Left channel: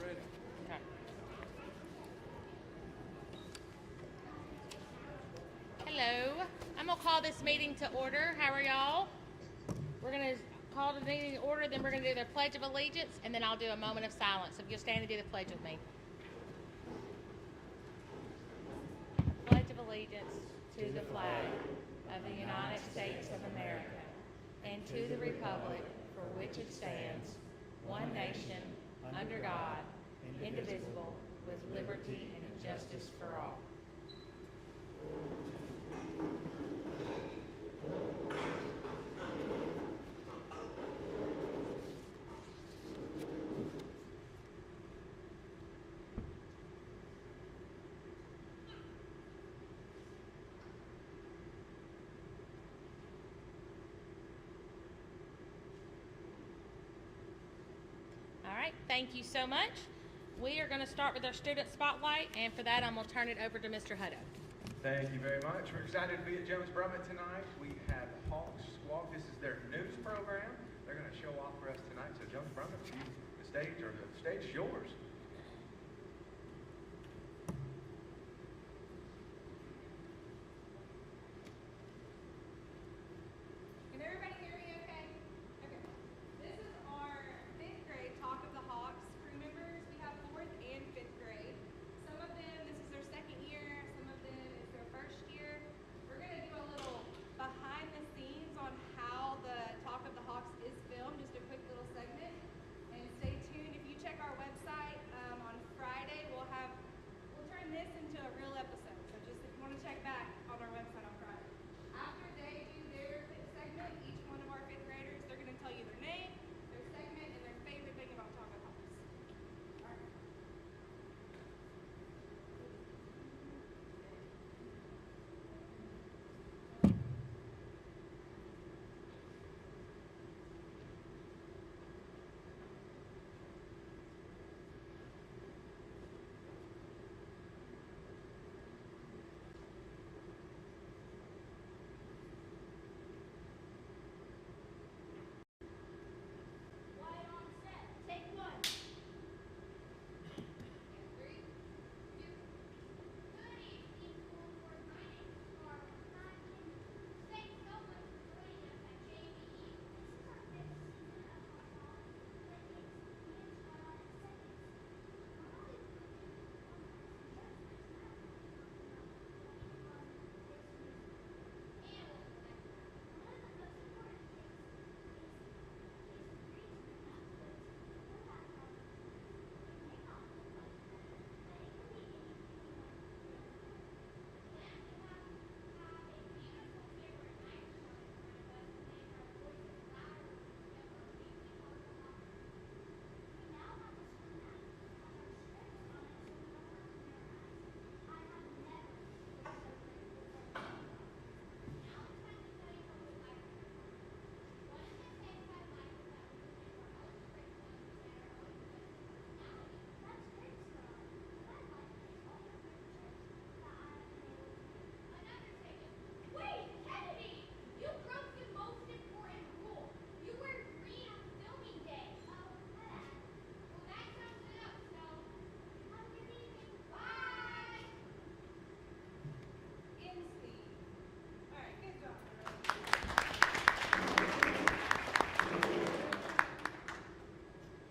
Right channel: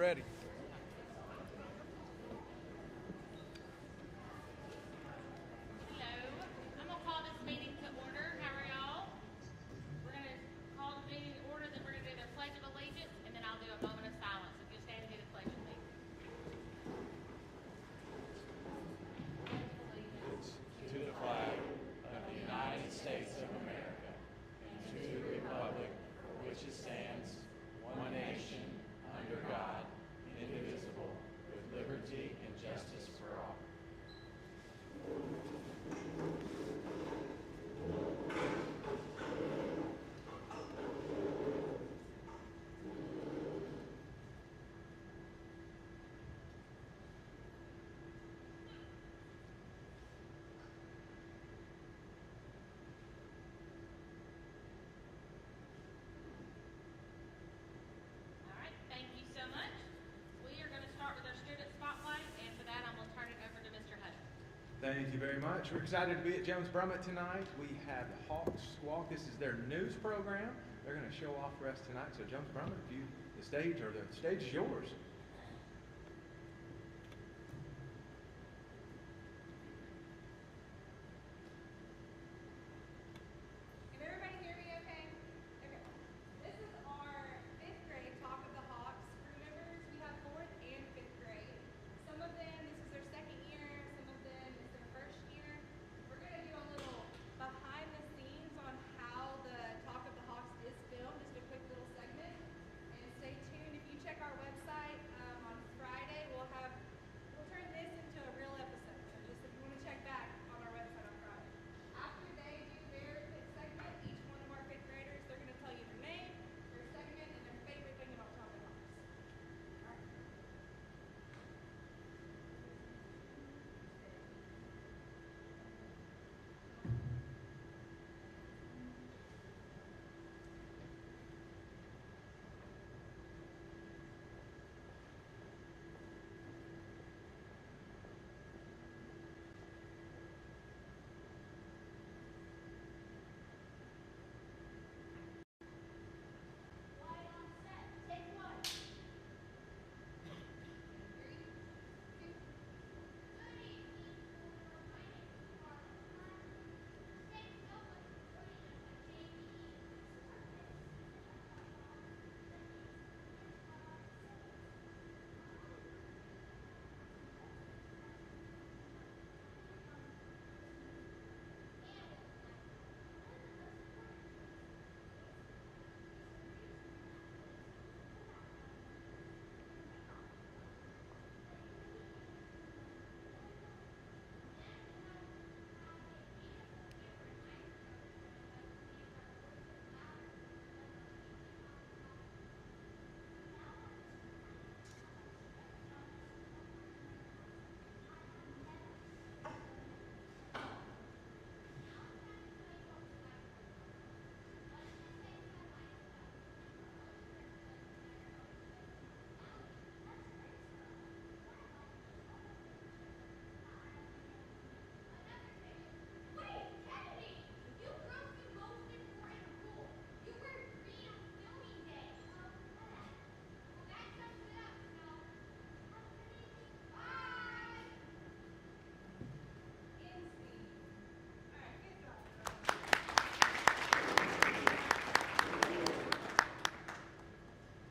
ready. Hello. I'm going to call this meeting to order. How are y'all? We're going to call the meeting to order, then we're going to do the Pledge of Allegiance, and then I'll do a moment of silence. So if you'll stand and do the pledge with me. Pledge of Allegiance to the flag of the United States of America and to the republic for which it stands, one nation, under God, indivisible, with liberty and justice for all. All right, thank you so much. We are going to start with our student spotlight, and for that, I'm going to turn it over to Mr. Hutto. Thank you very much. We're excited to be at Jones Brummett tonight. We have Hawks Squawk. This is their news program. They're going to show off for us tonight. So Jones Brummett, the stage is yours. Can everybody hear me okay? Okay. This is our 5th grade Talk of the Hawks crew members. We have 4th and 5th grade. Some of them, this is their 2nd year. Some of them, it's their 1st year. We're going to do a little behind the scenes on how the Talk of the Hawks is filmed, just a quick little segment. And stay tuned. If you check our website on Friday, we'll turn this into a real episode. So just if you want to check back on our website on Friday. After they do their 5th segment, each one of our 5th graders, they're going to tell you their name, their segment, and their favorite thing about Talk of the Hawks. All right.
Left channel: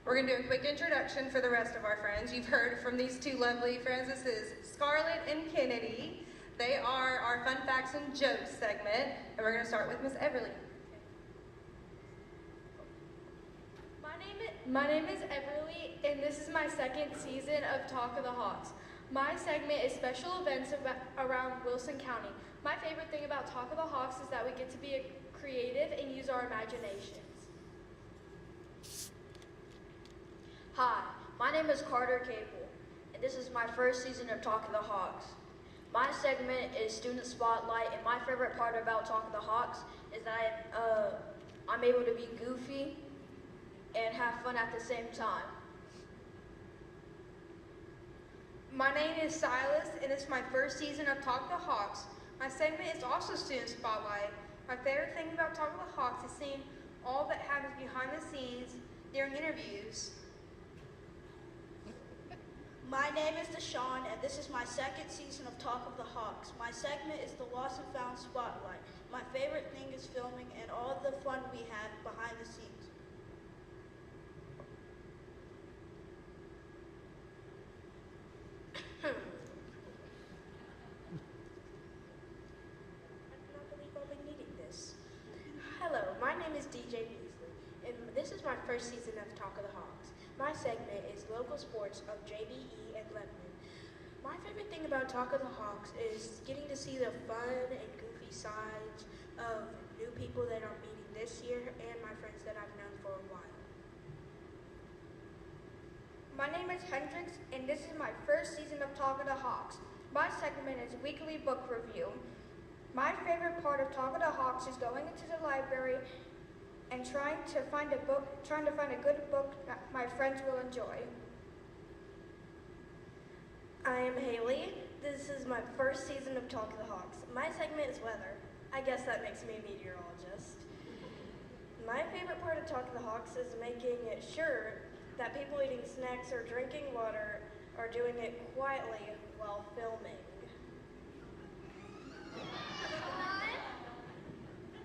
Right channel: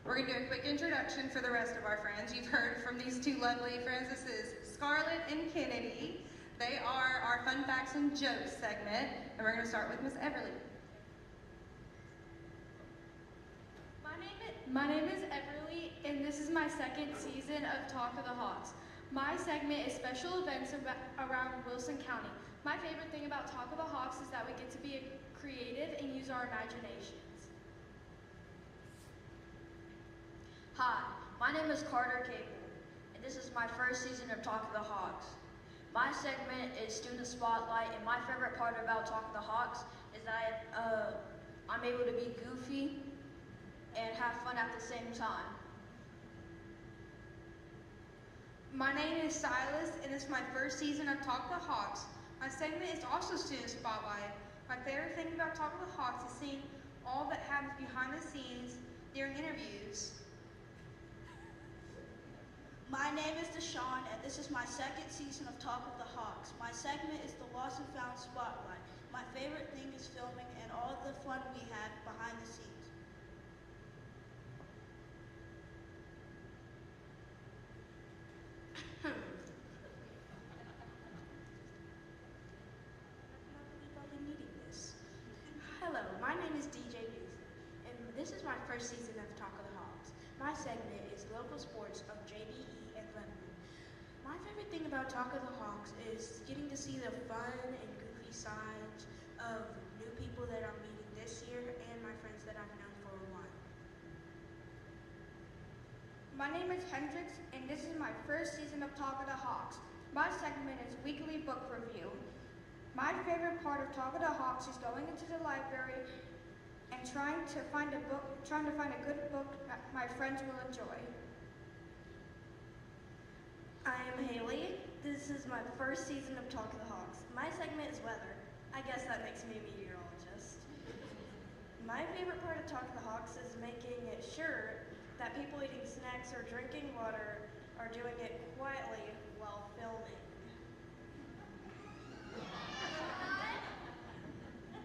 We're going to do a quick introduction for the rest of our friends. You've heard from these two lovely friends. This is Scarlett and Kennedy. They are our Fun Facts and Jokes segment, and we're going to start with Miss Everly. My name is Everly, and this is my 2nd season of Talk of the Hawks. My segment is special events around Wilson County. My favorite thing about Talk of the Hawks is that we get to be creative and use our imaginations. Hi, my name is Carter Cable, and this is my 1st season of Talk of the Hawks. My segment is Student Spotlight, and my favorite part about Talk of the Hawks is that I'm able to be goofy and have fun at the same time. My name is Silas, and it's my 1st season of Talk of the Hawks. My segment is also Student Spotlight. My favorite thing about Talk of the Hawks is seeing all that happens behind the scenes during interviews. name is Deshaun, and this is my second season of Talk of the Hawks. My segment is the Lost and Found Spotlight. My favorite thing is filming and all the fun we had behind the scenes. I cannot believe I'll be needing this. Hello, my name is DJ Beasley, and this is my first season of Talk of the Hawks. My segment is local sports of JDE and Lebanon. My favorite thing about Talk of the Hawks is getting to see the fun and goofy sides of new people that I'm meeting this year and my friends that I've known for a while. My name is Hendrix, and this is my first season of Talk of the Hawks. My segment is weekly book review. My favorite part of Talk of the Hawks is going into the library and trying to find a good book that my friends will enjoy. I am Haley. This is my first season of Talk of the Hawks. My segment is weather. I guess that makes me a meteorologist. My favorite part of Talk of the Hawks is making sure that people eating snacks or drinking water are doing it quietly while filming.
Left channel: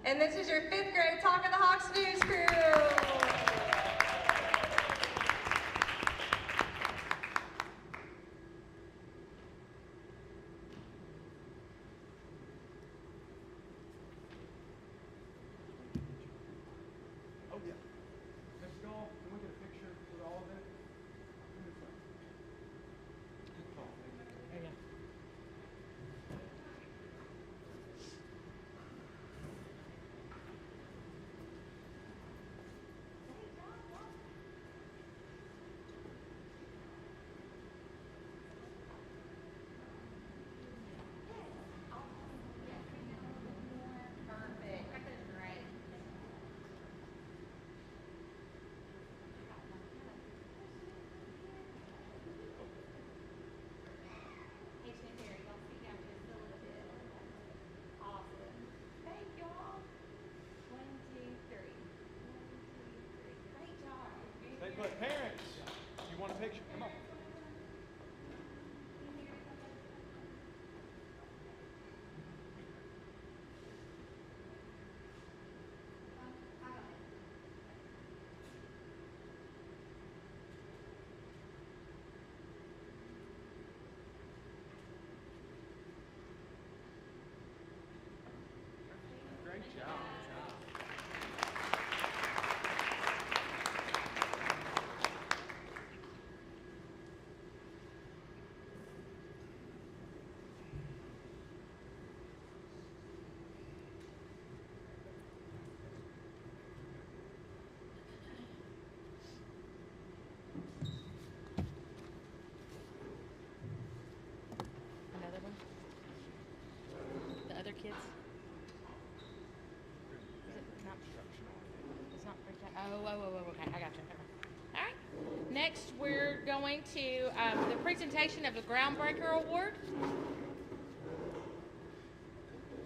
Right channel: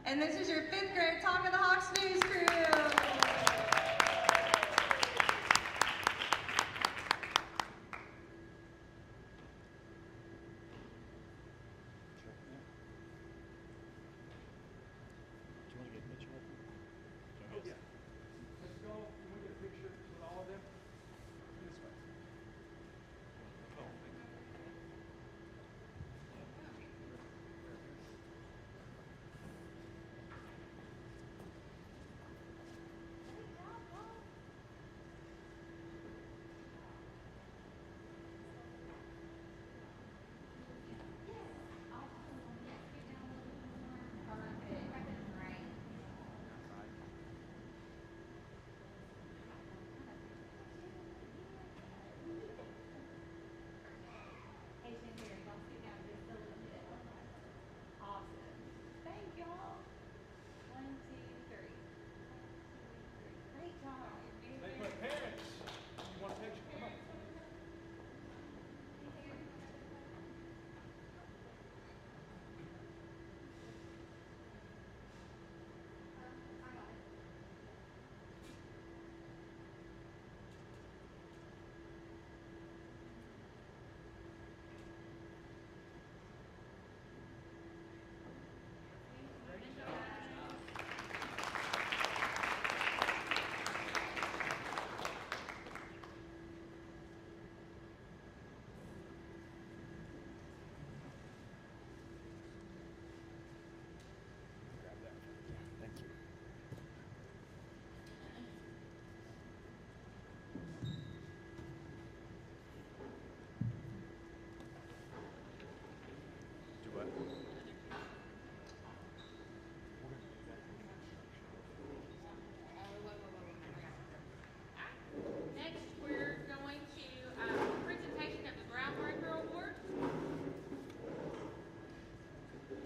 And this is your 5th grade Talk of the Hawks news crew. Let's go. Can we get a picture with all of them? This way. Awesome. Thank y'all. 1, 2, 3. 1, 2, 3. Great job. Stay put. Parents, you want a picture? Come on. Great job. Another one? The other kids? It's not okay, I got you. All right. Next, we're going to the presentation of the Groundbreaker Award.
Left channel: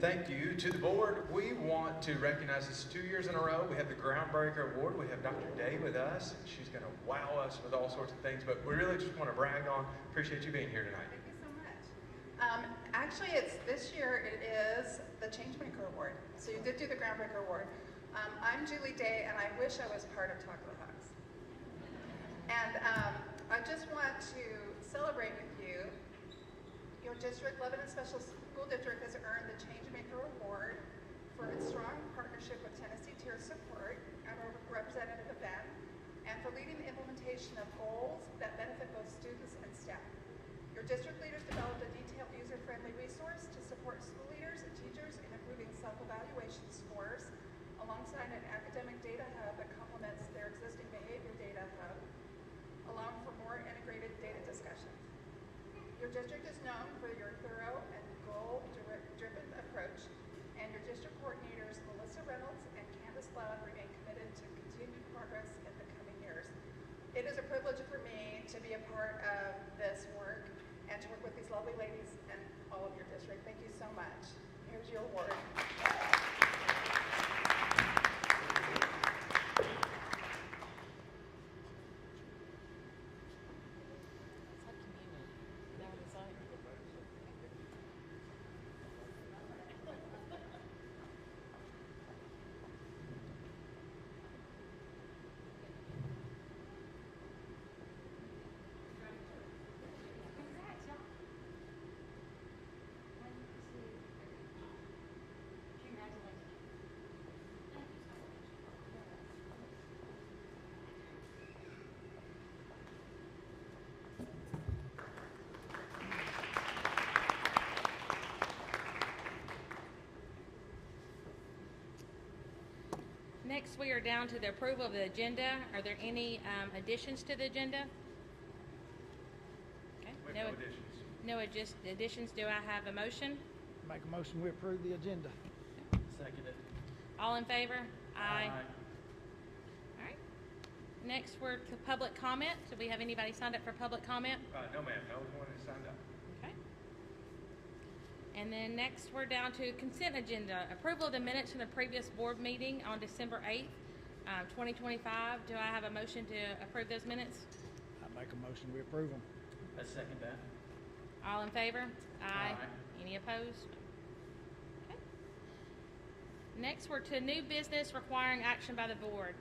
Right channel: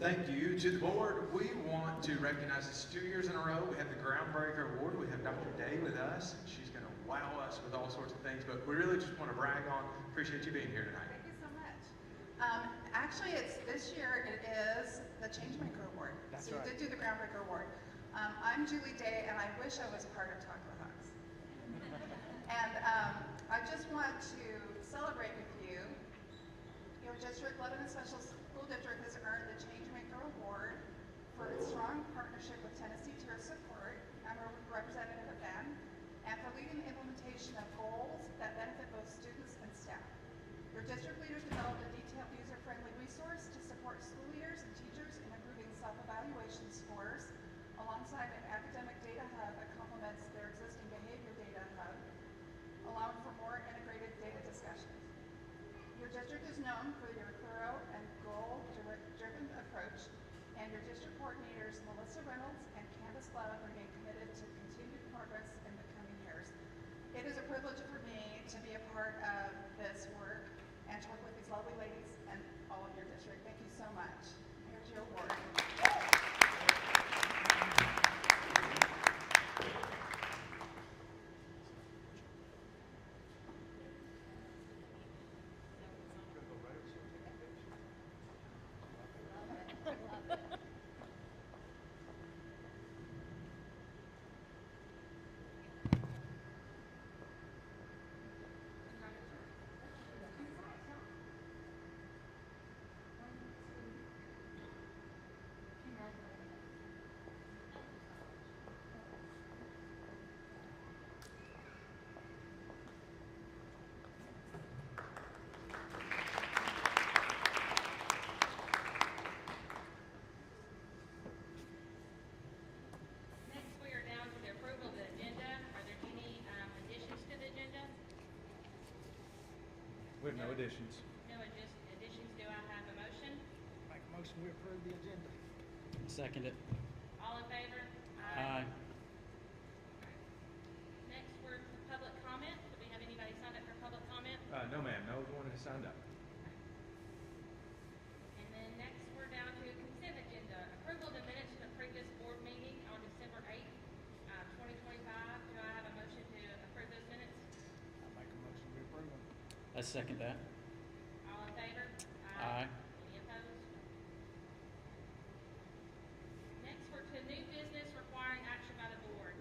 Thank you to the board. We want to recognize this 2 years in a row. We have the Groundbreaker Award. We have Dr. Day with us, and she's going to wow us with all sorts of things. But we really just want to brag on. Appreciate you being here tonight. Thank you so much. Actually, this year it is the Changemaker Award. That's So you right. did do the Groundbreaker Award. I'm Julie Day, and I wish I was a part of Talk of the Hawks. And I just want to celebrate with you. Your district, Lebanon Special School District, has earned the Changemaker Award for its strong partnership with Tennessee Tier Support. I'm a representative of them, and for leading the implementation of goals that benefit both students and staff. Your district leaders developed a detailed, user-friendly resource to support school leaders and teachers in improving self-evaluation scores, alongside an academic data hub that complements their existing behavior data hub, allowing for more integrated data discussions. Your district is known for your thorough and goal-driven approach, and your district coordinators, Melissa Reynolds and Candace Lown, remain committed to continued progress in the coming years. It is a privilege for me to be a part of this work and to work with these lovely ladies and all of your district. Thank you so much. Here's your award. Next, we are down to the approval of the agenda. Are there any additions to the agenda? Okay, With no additions. No additions. Do I have a motion? Make a motion, we approve the agenda. Second it. All in favor? Aye. All right. Next, we're to public comment. Do we have anybody signed up for public comment? No, ma'am. No one has signed up. Okay. And then next, we're down to consent agenda. Approval of the minutes from the previous board meeting on December 8th, 2025. Do I have a motion to approve those minutes? I make a motion, we approve them. I second that. All in favor? Aye. Any opposed? Okay. Next, we're to new business requiring action by the board.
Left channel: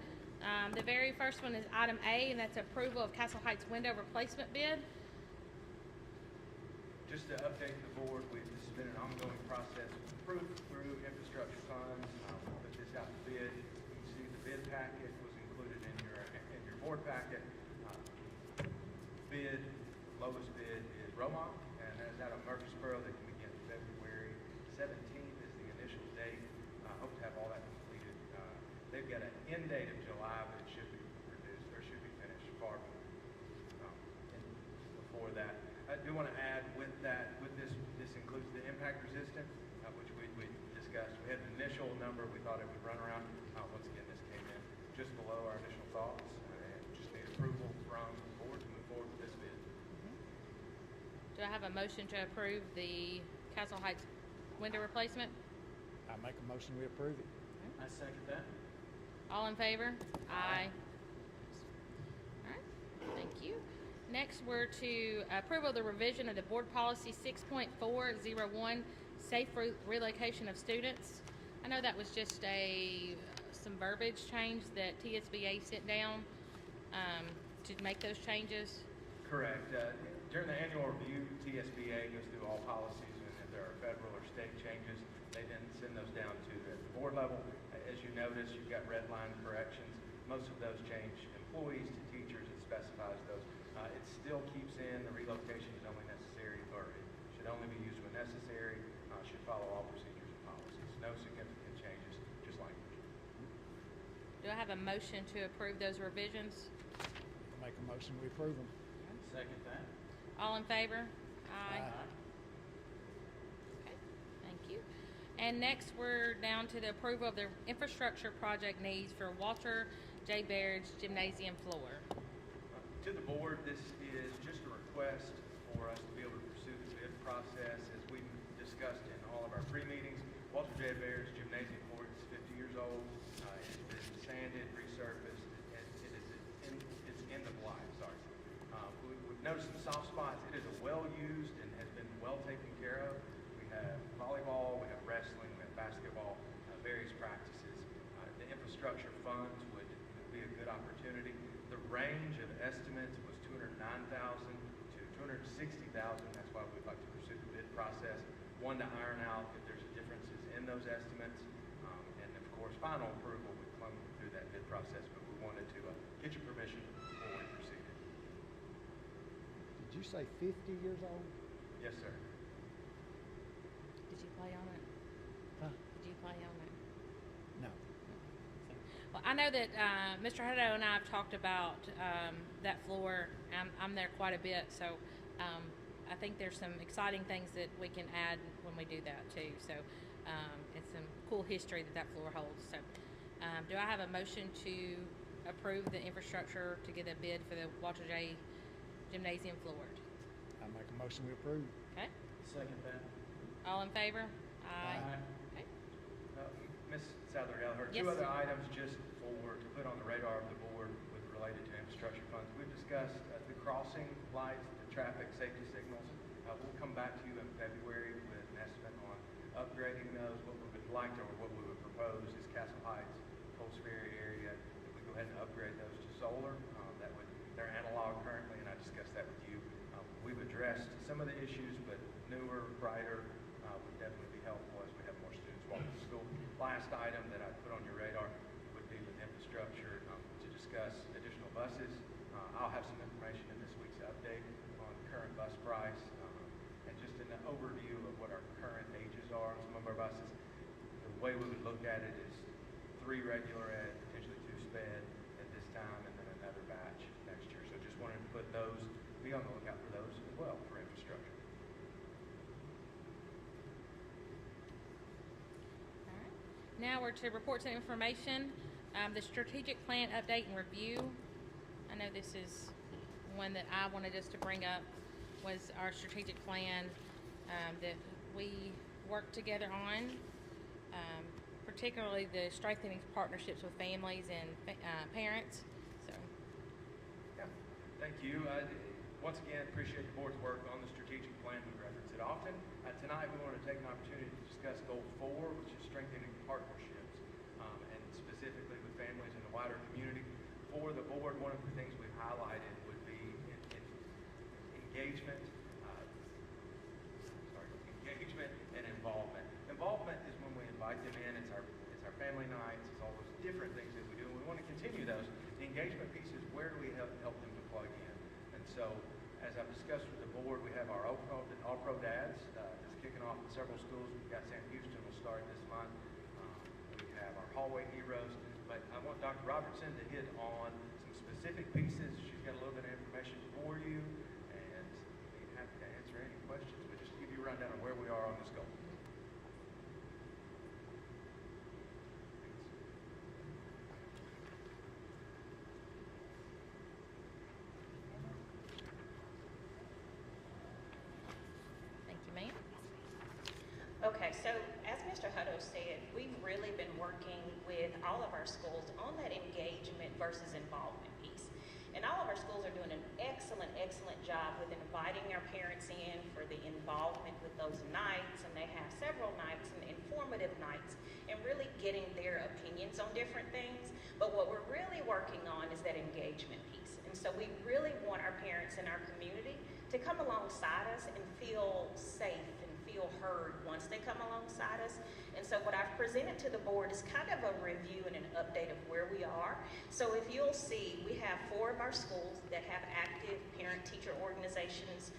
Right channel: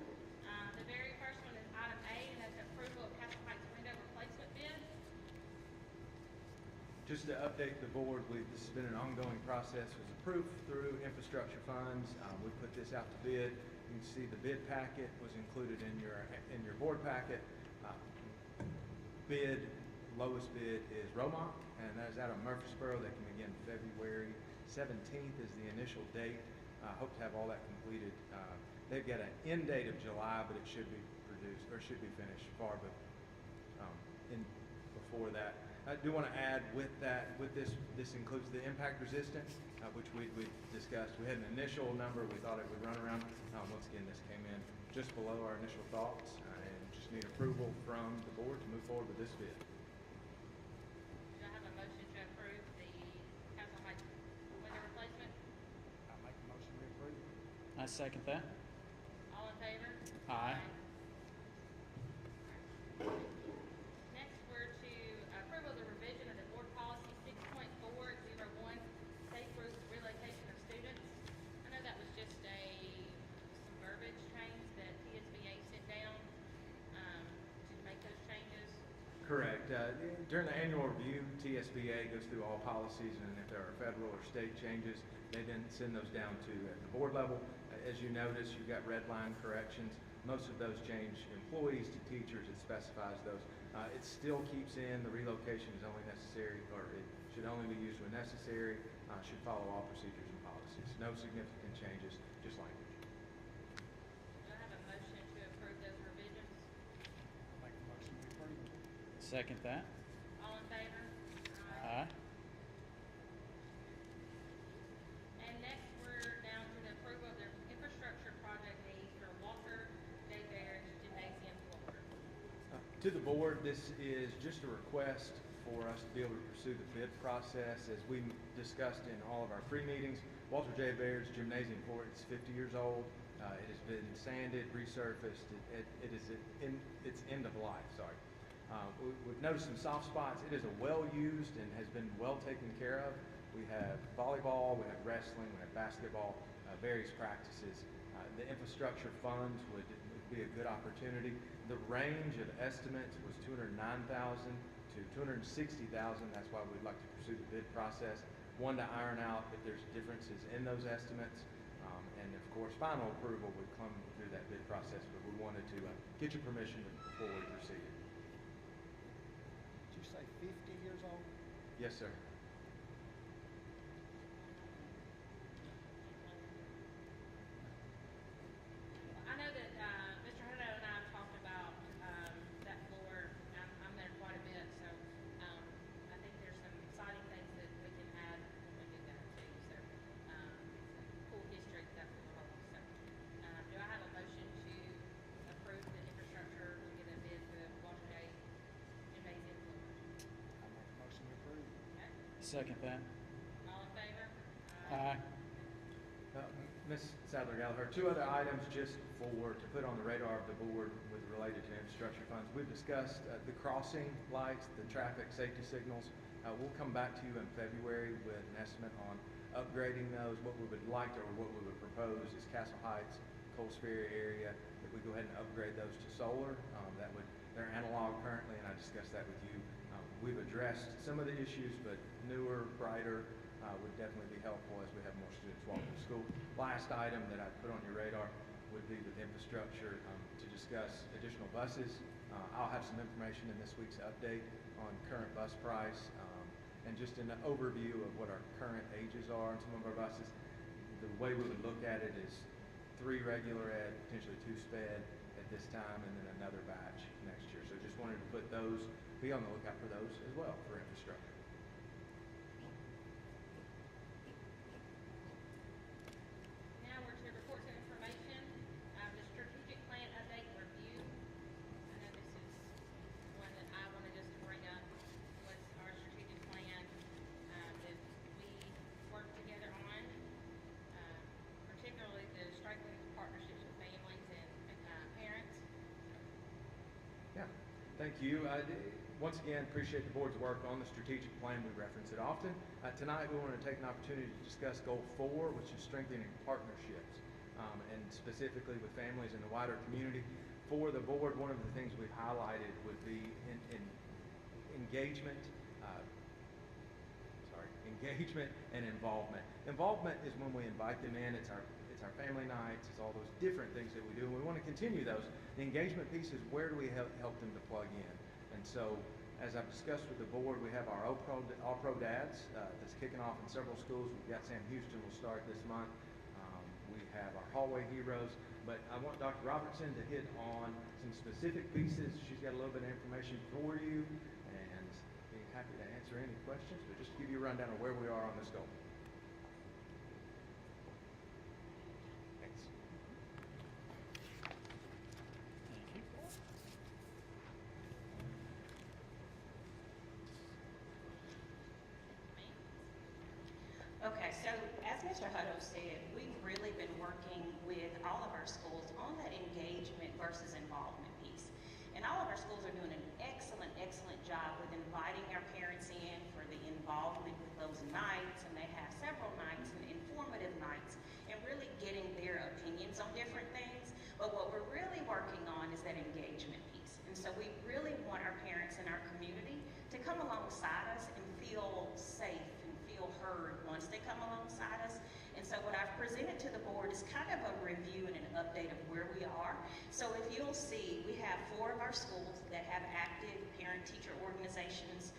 The very first one is item A, and that's approval of Castle Heights window replacement bid. Just to update the board, this has been an ongoing process. It was approved through infrastructure funds. We put this out to bid. You can see the bid packet was included in your board packet. Lowest bid is Romont, and that's out of Murfreesboro. They can begin February 17th is the initial date. Hope to have all that completed. They've got an end date of July, but it should be produced or should be finished far before that. I do want to add with this includes the impact resistance, which we discussed. We had an initial number we thought it would run around. Once again, this came in just below our initial thoughts, and just need approval from the board to move forward with this bid. Do I have a motion to approve the Castle Heights window replacement? I make a motion, we approve it. I second that. All in favor? Aye. All right, thank you. Next, we're to approval of the revision of the board policy 6.401, safe relocation of students. I know that was just some verbiage change that TSBA sent down to make those changes. Correct. During the annual review, TSBA goes through all policies, and if there are federal or state changes, they then send those down to the board level. As you notice, you've got red line corrections. Most of those change employees to teachers. It specifies those. It still keeps in the relocation is only necessary, or it should only be used when necessary. Should follow all procedures and policies. No significant changes, just language. Do I have a motion to approve those revisions? Make a motion, we approve them. Second that. All in favor? Aye. Okay, thank you. And next, we're down to the approval of the infrastructure project needs for Walter J. Baird's gymnasium floor. To the board, this is just a request for us to be able to pursue the bid process. As we discussed in all of our pre-meetings, Walter J. Baird's gymnasium floor is 50 years old. It has been sanded, resurfaced. It's end of life, sorry. We've noticed some soft spots. It is a well-used and has been well taken care of. We have volleyball, we have wrestling, we have basketball, various practices. The infrastructure funds would be a good opportunity. The range of estimates was $209,000 to $260,000. That's why we'd like to pursue the bid process. One, to iron out if there's differences in those estimates. And of course, final approval would come through that bid process, but we wanted to get your permission before we proceed. Did you say 50 years old? Yes, sir. Did you play on it? Huh? Did you play on it? No. Well, I know that Mr. Hutto and I have talked about that floor. I'm there quite a bit, so I think there's some exciting things that we can add when we do that too. So it's some cool history that floor holds. So do I have a motion to approve the infrastructure to get a bid for the Walter J. Gymnasium floor? I make a motion, we approve. Okay. Second that. All in favor? Aye. Okay. Ms. Sadler-Gallagher, Yes. two other items just to put on the radar of the board with related to infrastructure funds. We've discussed the crossing lights, the traffic safety signals. We'll come back to you in February with an estimate on upgrading those. What we would like or what we would propose is Castle Heights, Coles Ferry area, that we go ahead and upgrade those to solar. They're analog currently, and I discussed that with you. We've addressed some of the issues, but newer, brighter would definitely be helpful as we have more students walking to school. Last item that I put on your radar would be with infrastructure to discuss additional buses. I'll have some information in this week's update on current bus price and just an overview of what our current ages are on some of our buses. The way we would look at it is 3 regular ed, potentially 2 sped at this time, and then another batch next year. So just wanted to put those, be on the lookout for those as well for infrastructure. Now we're to reports and information. The strategic plan update and review. I know this is one that I wanted us to bring up, was our strategic plan that we worked together on, particularly the strengthening partnerships with families and parents. So, Yeah, thank you. Once again, appreciate the board's work on the strategic plan. We reference it often. Tonight, we want to take an opportunity to discuss Goal 4, which is strengthening partnerships, and specifically with families in the wider community. For the board, one of the things we've highlighted would be in engagement, engagement and involvement. Involvement is when we invite them in. It's our family nights. It's all those different things that we do. We want to continue those. The engagement piece is where do we help them to plug in. And so, as I've discussed with the board, we have our All-Pro Dads that's kicking off in several schools. We've got Sam Houston will start this month. We have our Hallway Heroes. But I want Dr. Robertson to hit on some specific pieces. She's got a little bit of information for you, and be happy to answer any questions. But just to give you a rundown of where we are on this goal. Thanks. thank you, ma'am. Okay, so as Mr. Hutto said, we've really been working with all of our schools on that engagement versus involvement piece. And all of our schools are doing an excellent, excellent job with inviting our parents in for the involvement with those nights, and they have several nights and informative nights, and really getting their opinions on different things. But what we're really working on is that engagement piece. And so we really want our parents in our community to come alongside us and feel safe and feel heard once they come alongside us. And so what I've presented to the board is kind of a review and an update of where we are. So if you'll see, we have 4 of our schools that have active parent-teacher organizations.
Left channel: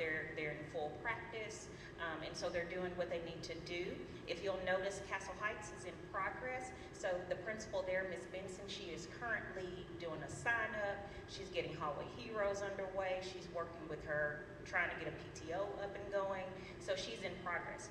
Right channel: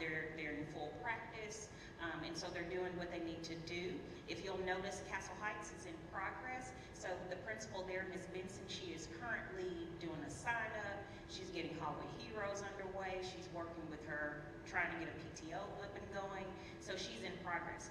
They're in full practice, and so they're doing what they need to do. If you'll notice, Castle Heights is in progress. So the principal there, Ms. Benson, she is currently doing a sign-up. She's getting Hallway Heroes underway. She's working with her, trying to get a PTO up and going. So she's in progress.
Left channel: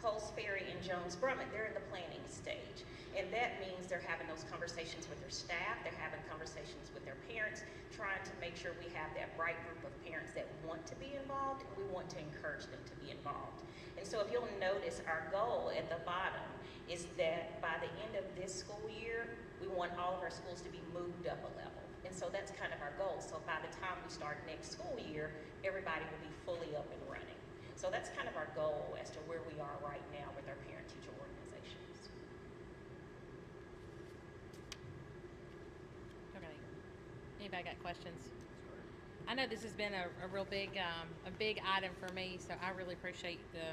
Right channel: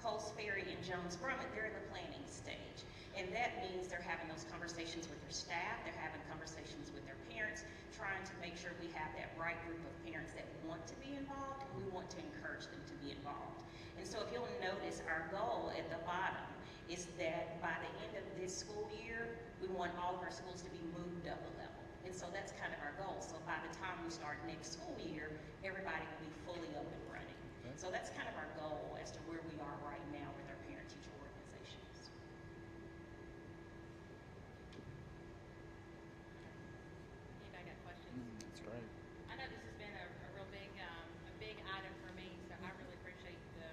Coles Ferry and Jones Brummett, they're in the planning stage. And that means they're having those conversations with their staff, they're having conversations with their parents, trying to make sure we have that right group of parents that want to be involved, and we want to encourage them to be involved. And so if you'll notice, our goal at the bottom is that by the end of this school year, we want all of our schools to be moved up a level. And so that's kind of our goal. So by the time we start next school year, everybody will be fully up and running. So that's kind of our goal as to where we are right now with our parent-teacher organizations. Okay. Anybody got questions? That's great. I know this has been a real big item for me, so I really appreciate the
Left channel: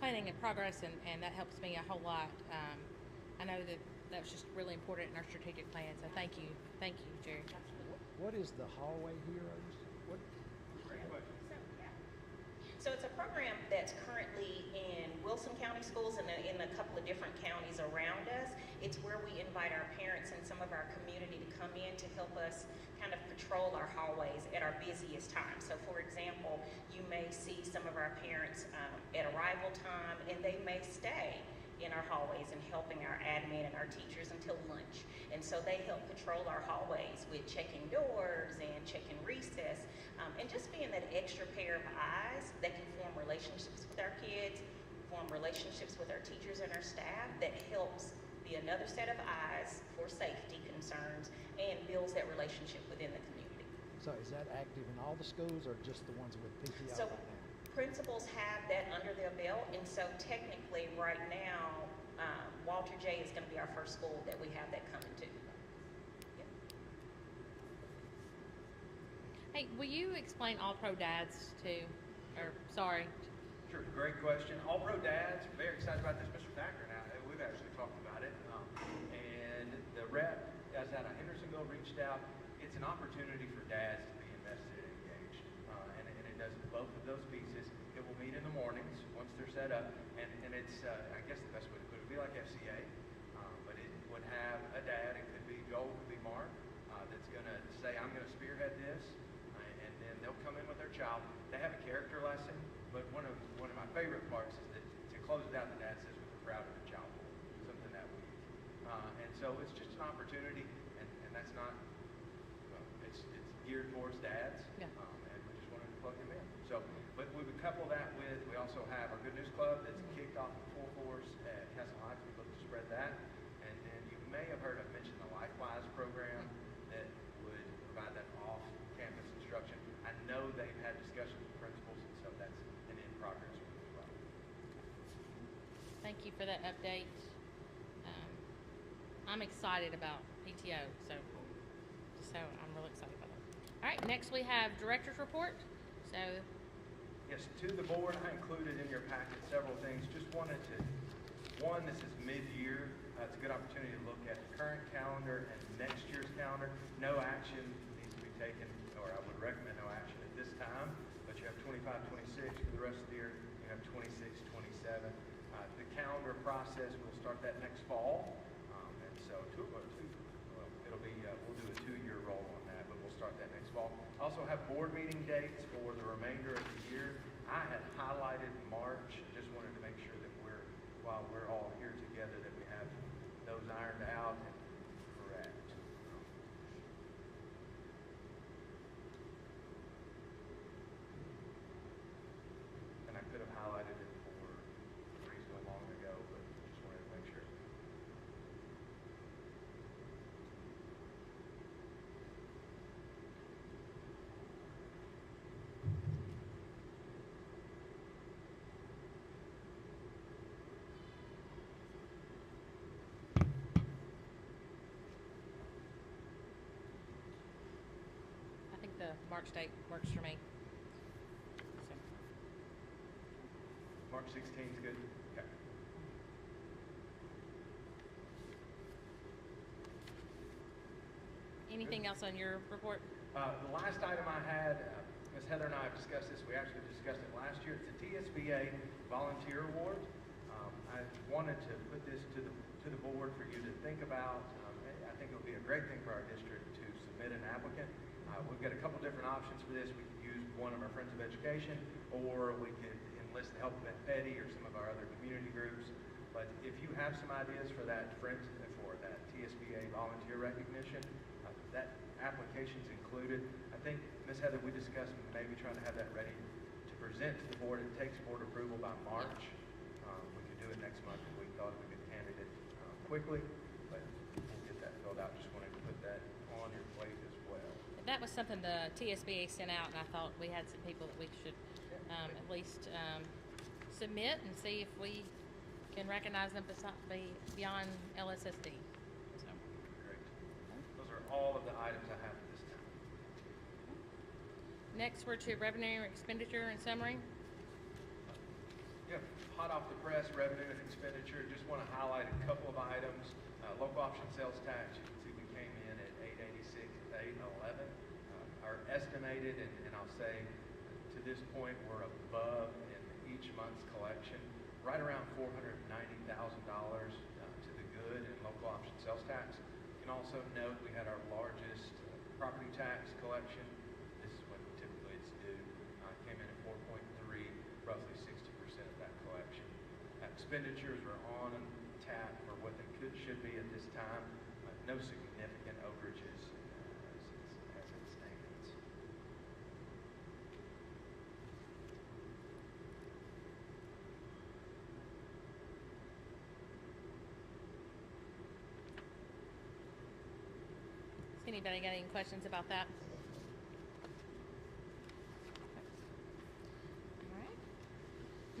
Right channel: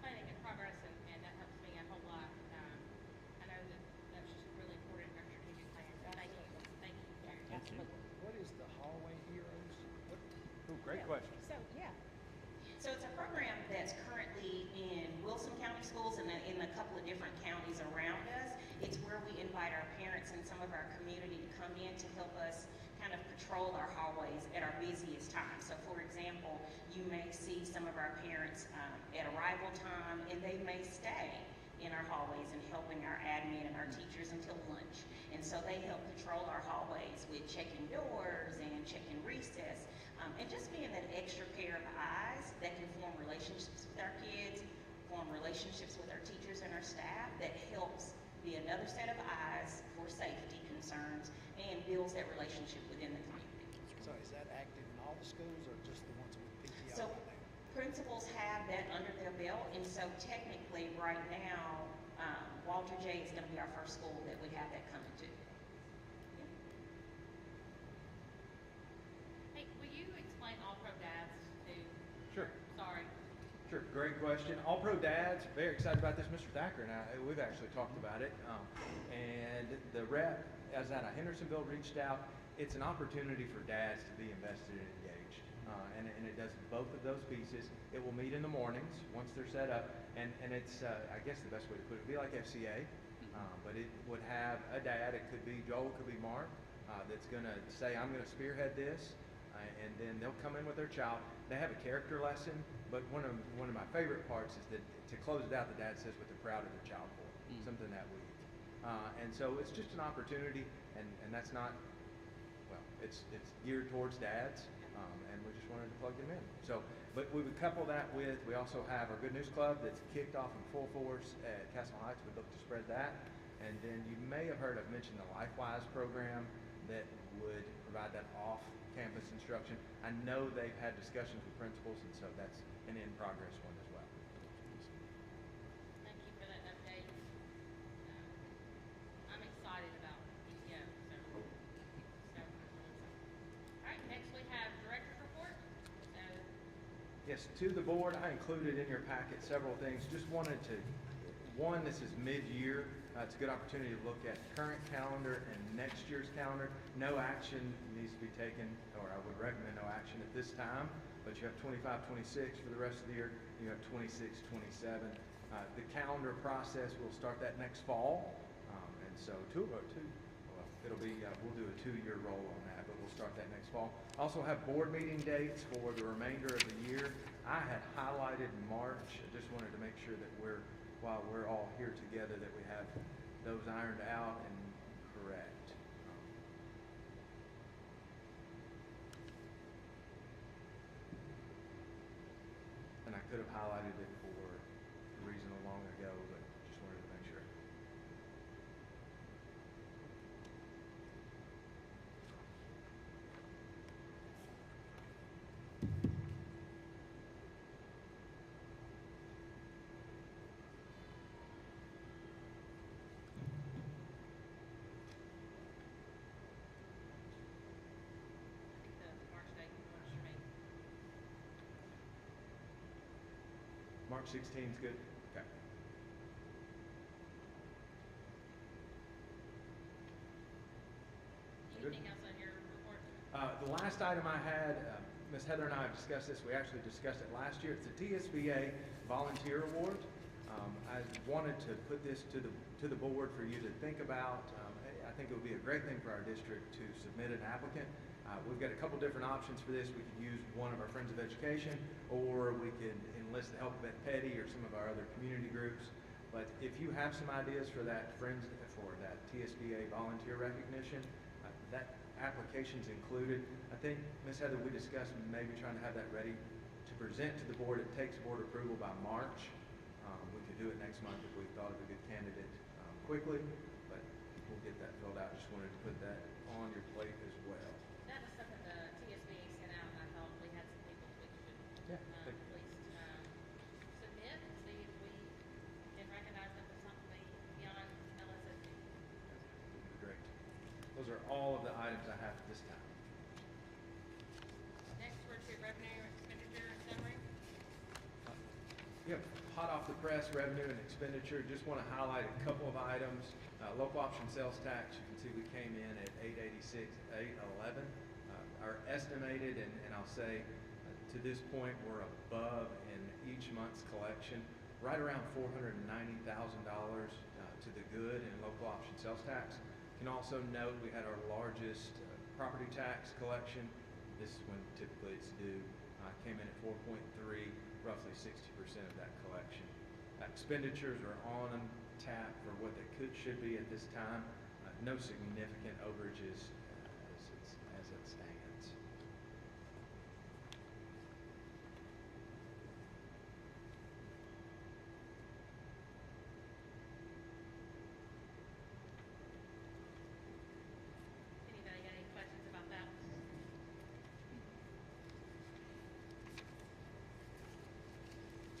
planning and progress, and that helps me a whole lot. I know that was just really important in our strategic plan, so thank you, Jerry. What is the Hallway Heroes? Great question. So it's a program that's currently in Wilson County schools and in a couple of different counties around us. It's where we invite our parents and some of our community to come in to help us kind of patrol our hallways at our busiest time. So for example, you may see some of our parents at arrival time, and they may stay in our hallways and helping our admin and our teachers until lunch. And so they help patrol our hallways with checking doors and checking recess, and just being that extra pair of eyes that can form relationships with our kids, form relationships with our teachers and our staff, that helps be another set of eyes for safety concerns and builds that relationship within the community. So is that active in all the schools or just the ones with PTO So right now? principals have that under their belt, and so technically right now, Walter J is going to be our first school that we have that coming to. Yeah. Hey, will you explain All-Pro Dads too? Sure. Sorry. Sure, great question. All-Pro Dads, very excited about this. Mr. Thacker and I, we've actually talked about it. And the rep, as out of Hendersonville, reached out. It's an opportunity for dads to be invested and engaged. and it does both of those pieces. It will meet in the mornings once they're set up, and it's, I guess the best way to put it would be like FCA, but it would have a dad. It could be Joel, it could be Mark, that's going to say, I'm going to spearhead this, and then they'll come in with their child. They have a character lesson, but one of my favorite parts is that to close it out, the dad says what they're proud of their child for, something that week. And so it's just an opportunity, and that's not, well, it's geared towards dads, and we just wanted to plug them in. So, but we would couple that with, we also have our Good News Club that's kicked off in full force at Castle Heights. We'd look to spread that. And then you may have heard I've mentioned the LifeWise program that would provide that off-campus instruction. I know they've had discussions with principals, and so that's an in-progress one as well. Thank you for that update. I'm excited about PTO, so I'm really excited about it. All right, next we have director's report. So, yes, to the board, I included in your packet several things. Just wanted to, one, this is mid-year. It's a good opportunity to look at the current calendar and next year's calendar. No action needs to be taken, or I would recommend no action at this time, but you have 25, 26 for the rest of the year. You have 26, 27. The calendar process, we'll start that next fall. And so it'll be, we'll do a 2-year roll on that, but we'll start that next fall. Also have board meeting dates for the remainder of the year. I had highlighted March. I just wanted to make sure that while we're all here together, that we have those ironed out and correct. And I could have highlighted it for reasonably long ago, but just wanted to make sure. I think the March date works for me. March 16th is good? Okay. Anything else on your report? The last item I had, Ms. Heather and I have discussed this. We actually discussed it last year. It's a TSBA Volunteer Award. I wanted to put this to the board for you to think about. I think it would be a great thing for our district to submit an applicant. We've got a couple different options for this. We could use one of our Friends of Education, or we could enlist the help of Ben Petty or some of our other community groups. But if you have some ideas for that TSBA volunteer recognition, that application's included. I think, Ms. Heather, we discussed maybe trying to have that ready to present to the board. It takes board approval by March. We could do it next month if we thought of a good candidate quickly, but we'll get that filled out. Just wanted to put that on your plate as well. That was something the TSBA sent out, and I thought we had some people that we should at least submit and see if we can recognize them beyond LSSD. So. Great. Those are all of the items I have at this time. Next, we're to revenue, expenditure, and summary. Yep, hot off the press, revenue and expenditure. Just want to highlight a couple of items. Local option sales tax, you can see we came in at 886, 811. Our estimated, and I'll say to this point, we're above in each month's collection, right around $490,000 to the good in local option sales tax. You can also note we had our largest property tax collection. This is when typically it's due. Came in at 4.3, roughly 60% of that collection. Expenditures are on tap for what they should be at this time. No significant overages as it stands. Has anybody got any questions about that? All right.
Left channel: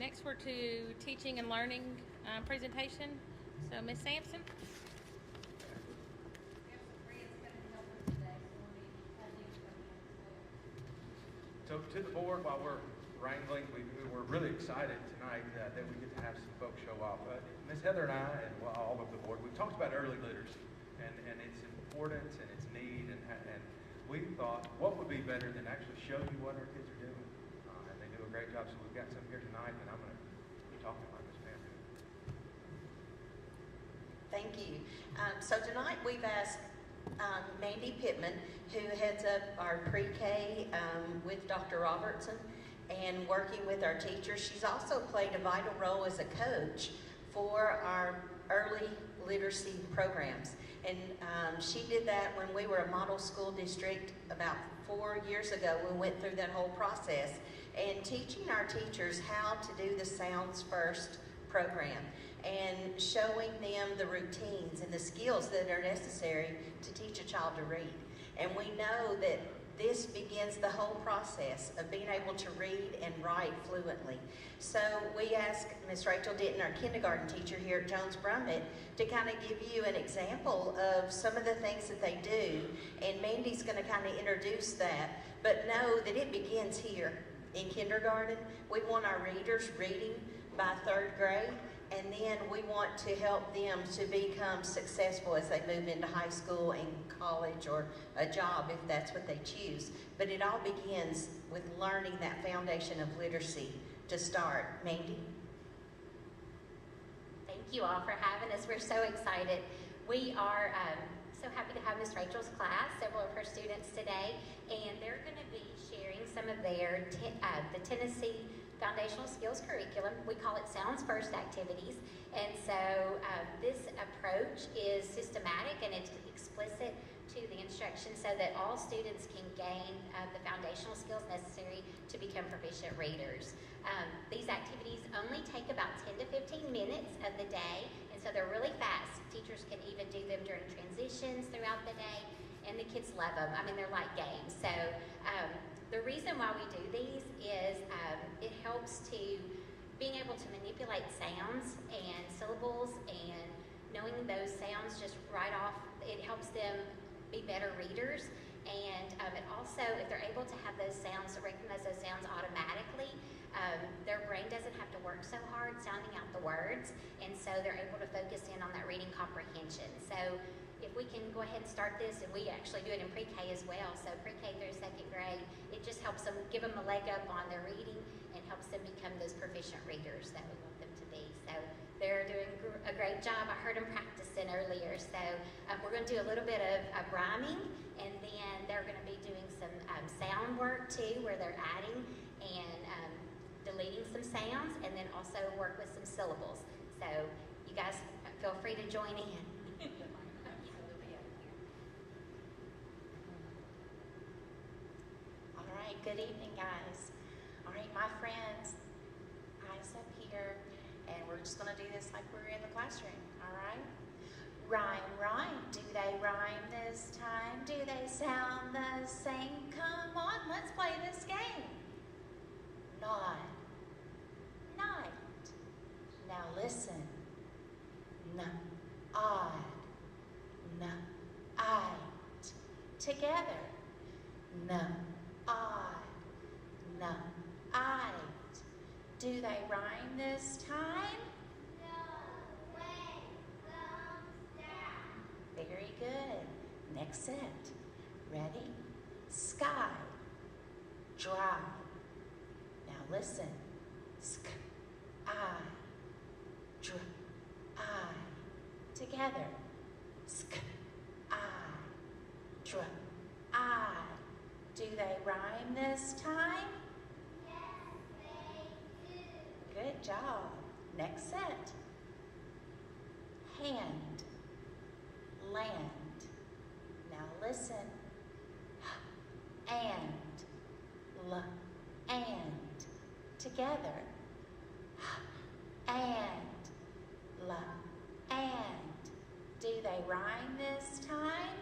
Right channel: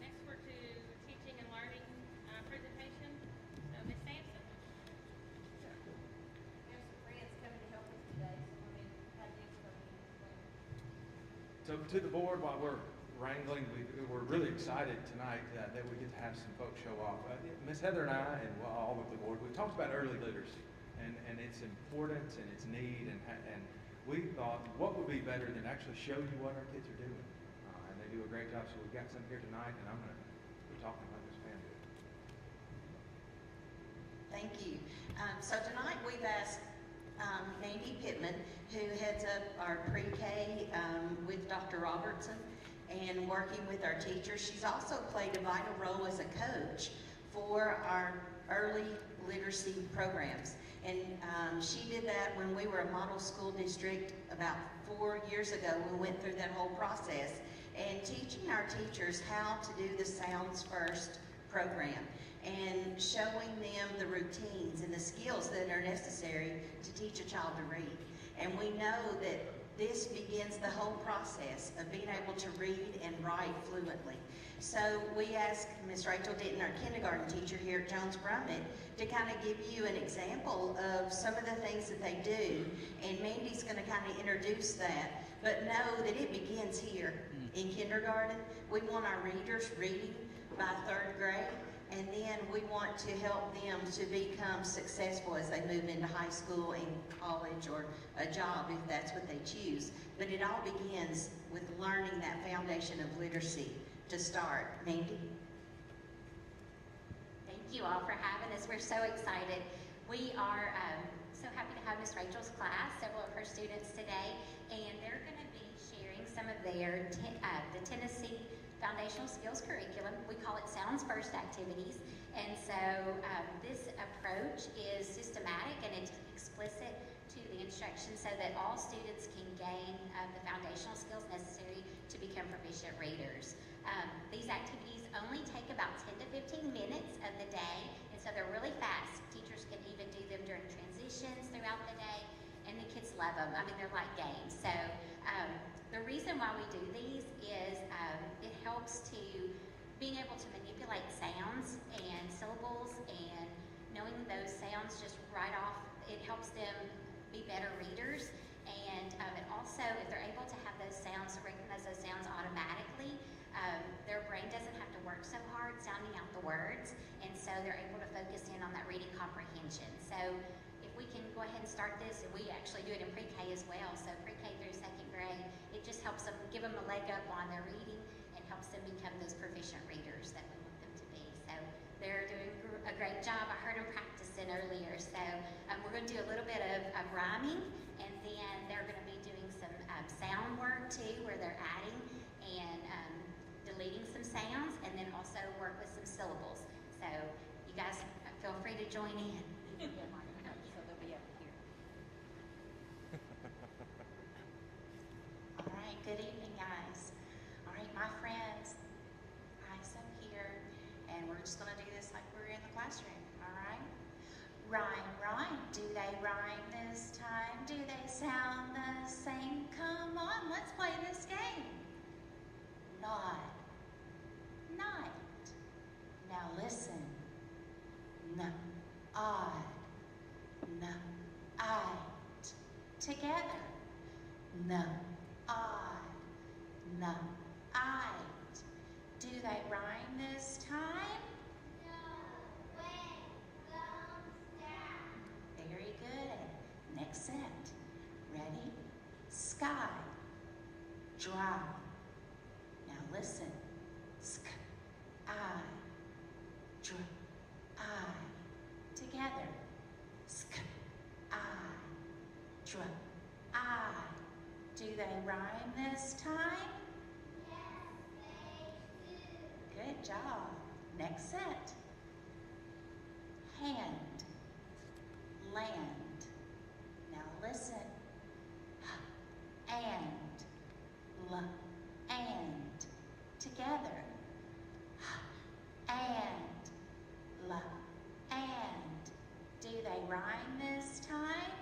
Next, we're to teaching and learning presentation. So, Ms. Sampson. So to the board, while we're wrangling, we're really excited tonight that we get to have some folks show off. Ms. Heather and I, and all of the board, we talked about early leaders and its importance and its need, and we thought, what would be better than actually show you what our kids are doing? And they do a great job, so we've got some here tonight, and I'm going to be talking about Miss Pam. Thank you. So tonight we've asked Mandy Pittman, who heads up our pre-K with Dr. Robertson and working with our teachers. She's also played a vital role as a coach for our early literacy programs. And she did that when we were a model school district about 4 years ago. We went through that whole process and teaching our teachers how to do the Sounds First program and showing them the routines and the skills that are necessary to teach a child to read. And we know that this begins the whole process of being able to read and write fluently. So we asked Miss Rachel Denton, our kindergarten teacher here at Jones Brummett, to kind of give you an example of some of the things that they do. And Mandy's going to kind of introduce that. But know that it begins here in kindergarten. We want our readers reading by 3rd grade. And then we want to help them to become successful as they move into high school and college or a job if that's what they choose. But it all begins with learning that foundation of literacy to start. Mandy? Thank you all for having us. We're so excited. We are so happy to have Miss Rachel's class, several of her students today, and they're going to be sharing some of their the Tennessee Foundational Skills Curriculum. We call it Sounds First activities. And so this approach is systematic and it's explicit to the instruction so that all students can gain the foundational skills necessary to become proficient readers. These activities only take about 10 to 15 minutes of the day, and so they're really fast. Teachers can even do them during transitions throughout the day, and the kids love them. I mean, they're like games. So the reason why we do these is it helps to being able to manipulate sounds and syllables and knowing those sounds just right off, it helps them be better readers. And it also, if they're able to have those sounds, to recognize those sounds automatically, their brain doesn't have to work so hard sounding out the words, and so they're able to focus in on that reading comprehension. So if we can go ahead and start this, and we actually do it in pre-K as well, so pre-K through 2nd grade, it just helps them, give them a leg up on their reading and helps them become those proficient readers that we want them to be. So they're doing a great job. I heard them practicing earlier. So we're going to do a little bit of rhyming, and then they're going to be doing some sound work too, where they're adding and deleting some sounds, and then also work with some syllables. So you guys feel free to join in. All right, good evening, guys. All right, my friends, eyes up here, and we're just going to do this like we're in the classroom, all right? Rhyme, rhyme, do they rhyme this time? Do they sound the same? Come on, let's play this game. Nod, night. Now listen. N, odd, n, I. Together. N, odd, n, I. Do they rhyme this time? No, wait, thumbs down. Very good. Next set. Ready? Sky. Dry. Now listen. Sk, I. Dr, I. Together. Sk, I. Dr, I. Do they rhyme this time? Yes, they do. Good job. Next set. Hand. Land. Now listen. And. L. And. Together. And. L. And. Do they rhyme this time?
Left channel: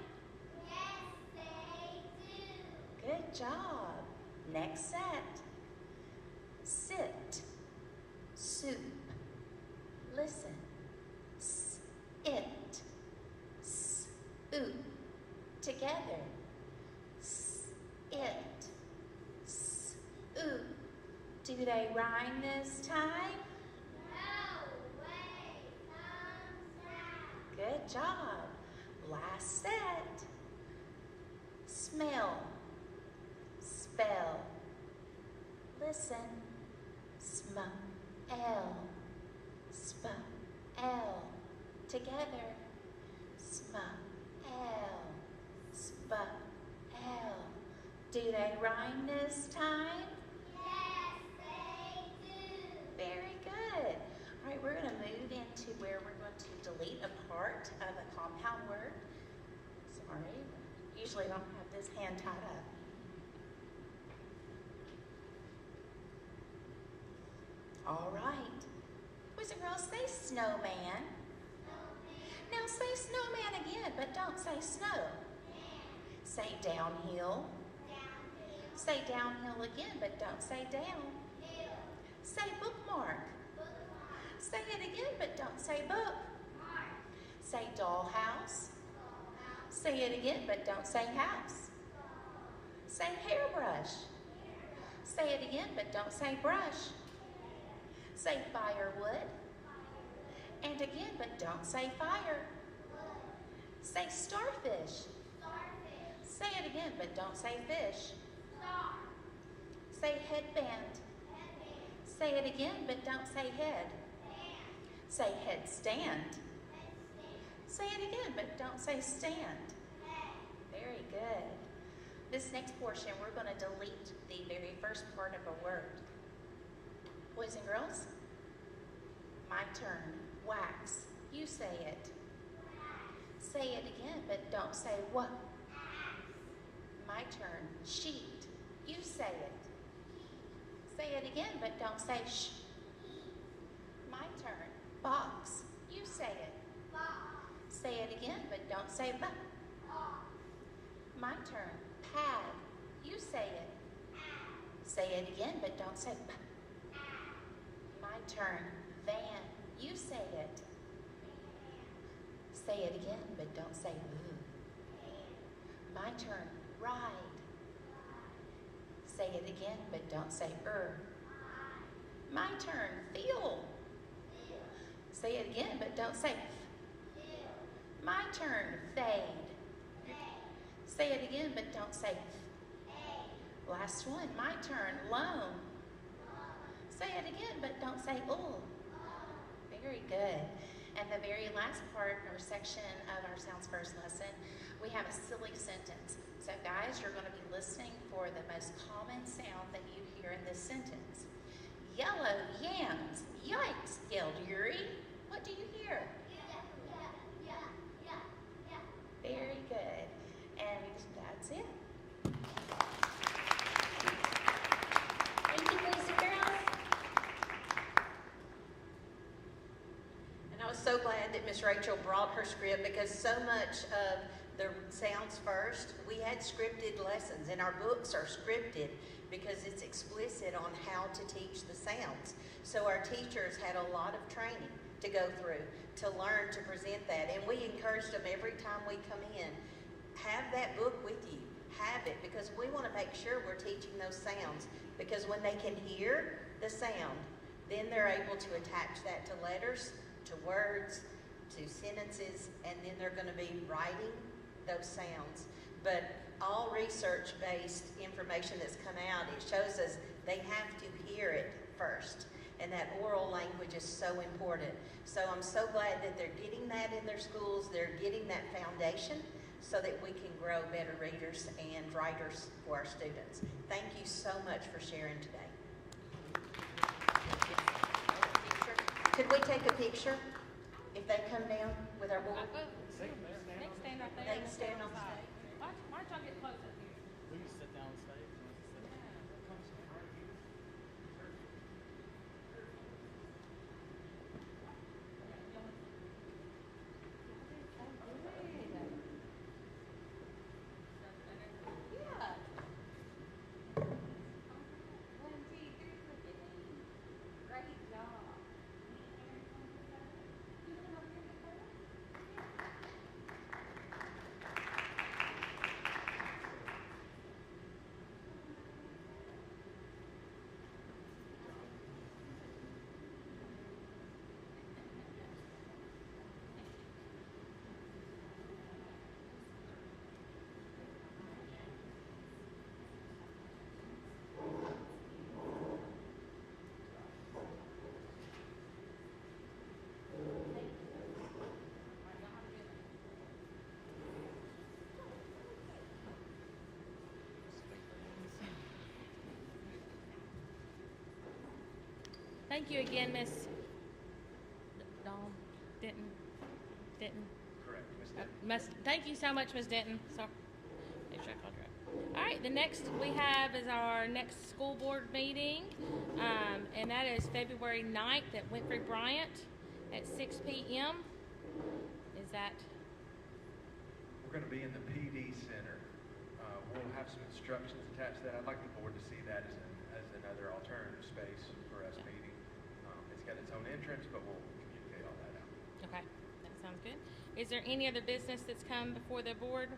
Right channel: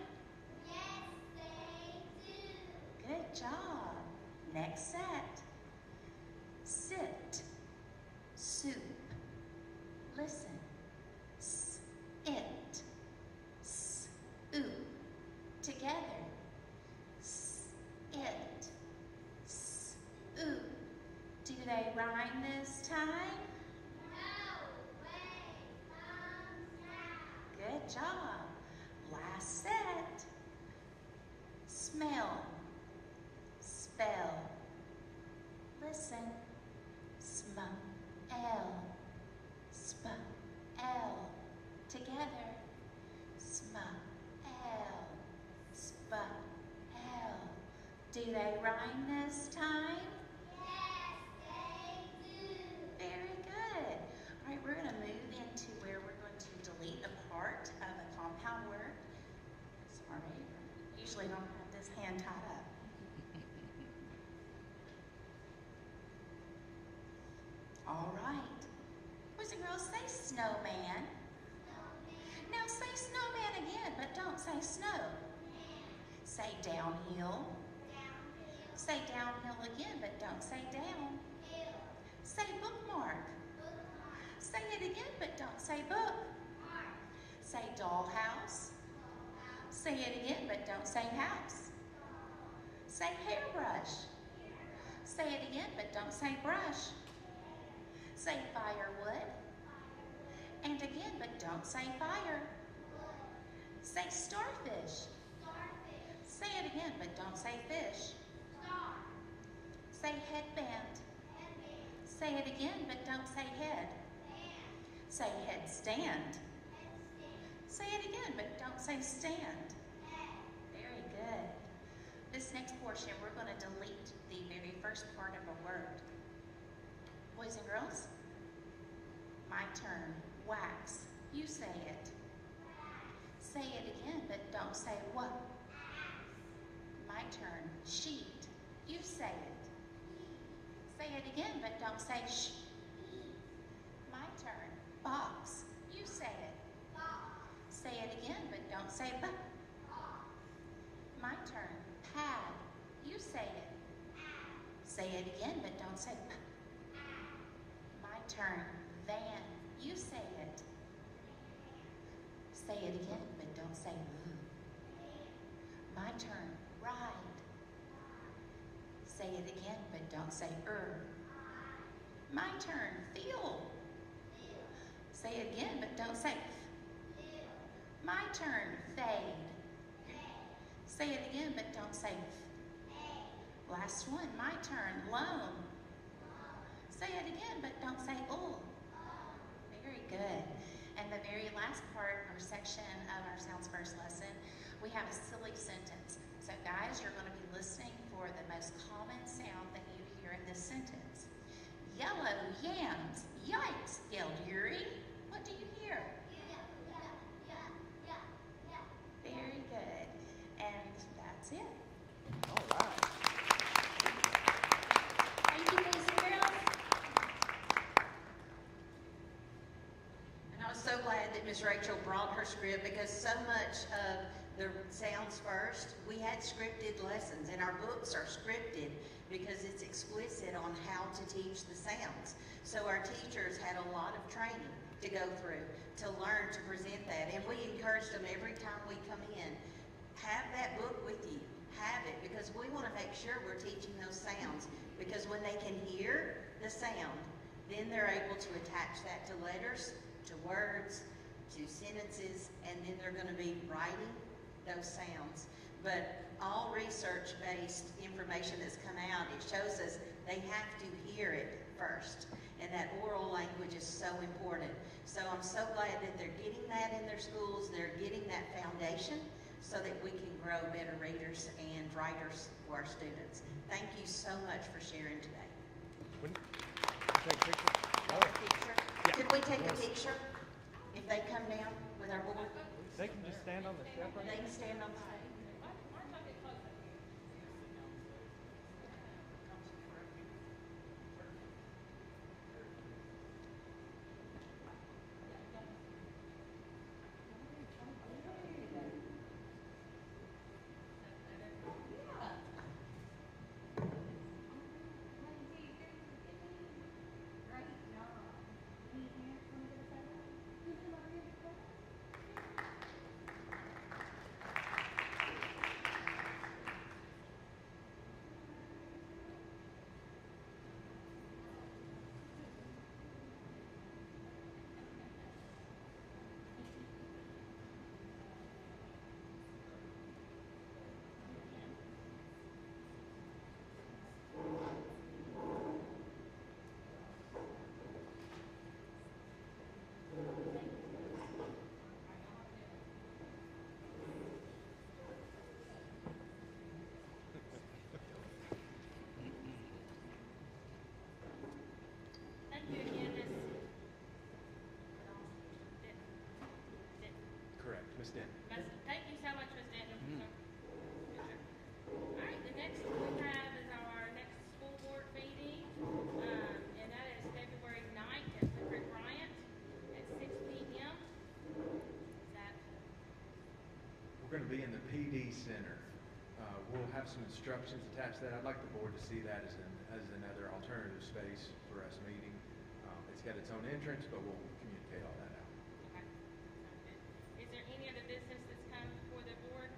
Yes, they do. Good job. Next set. Sit. Soup. Listen. It. Oop. Together. It. Oop. Do they rhyme this time? No, wait, thumbs down. Good job. Last set. Smell. Do they rhyme this time? Very good. All right, we're going to move into where we're going to delete a part of a compound word. Sorry, usually I don't have this hand tied up. All right. Boys and girls, say snowman. Now say snowman again, but don't say snow. Say downhill. Say downhill again, but don't say down. Say bookmark. Say it again, but don't say book. Say dollhouse. Say it again, but don't say house. Say hairbrush. Say it again, but don't say brush. Say firewood. And again, but don't say fire. Say starfish. Say it again, but don't say fish. Say headband. Say it again, but don't say head. Say headstand. Say it again, but don't say stand. Very good. This next portion, we're going to delete the very first part of a word. Boys and girls, my turn. Wax. You say it. Say it again, but don't say what. My turn. Sheet. You say it. Say it again, but don't say sh. My turn. Box. You say it. Say it again, but don't say b. My turn. Pad. You say it. Say it again, but don't say b. My turn. Van. You say it. Say it again, but don't say boo. My turn. Ride. Say it again, but don't say My turn. Feel. Say it again, but don't say My turn. Fade. Say it again, but don't say Last one. My turn. Loan. Say it again, but don't say Very good. And the very last part or section of our Sounds First lesson, we have a silly sentence. So guys, you're going to be listening for the most common sound that you hear in this sentence. Yellow yams. Yikes, yelled Yuri. What do you hear? Very good. And that's it. All right. Thank you, boys and girls. And I was so glad that Miss Rachel brought her script because so much of the Sounds First, we had scripted lessons, and our books are scripted because it's explicit on how to teach the sounds. So our teachers had a lot of training to go through to learn to present that, and we encouraged them every time we come in, have that book with you, have it, because we want to make sure we're teaching those sounds, because when they can hear the sound, then they're able to attach that to letters, to words, to sentences, and then they're going to be writing those sounds. But all research-based information that's come out, it shows us they have to hear it first. And that oral language is so important. So I'm so glad that they're getting that in their schools, they're getting that foundation so that we can grow better readers and writers for our students. Thank you so much for sharing today. Could we take a picture if they come down with our board? They can stand on the They can stand on the stage. Why don't y'all get closer? We can sit down and stay. thank you again, Miss Dawn Denton. Correct, Ms. Denton. Thank you so much, Ms. Denton. Sorry. All right, the next we have is our next school board meeting, and that is February 9th at Winfrey Bryant at 6 p.m. Is that? We're going to be in the PD Center. We'll have some instructions attached to that. I'd like the board to see that as another alternative space for us meeting. It's got its own entrance, but we'll communicate all that out. Okay, that sounds good. Is there any other business that's come before the board?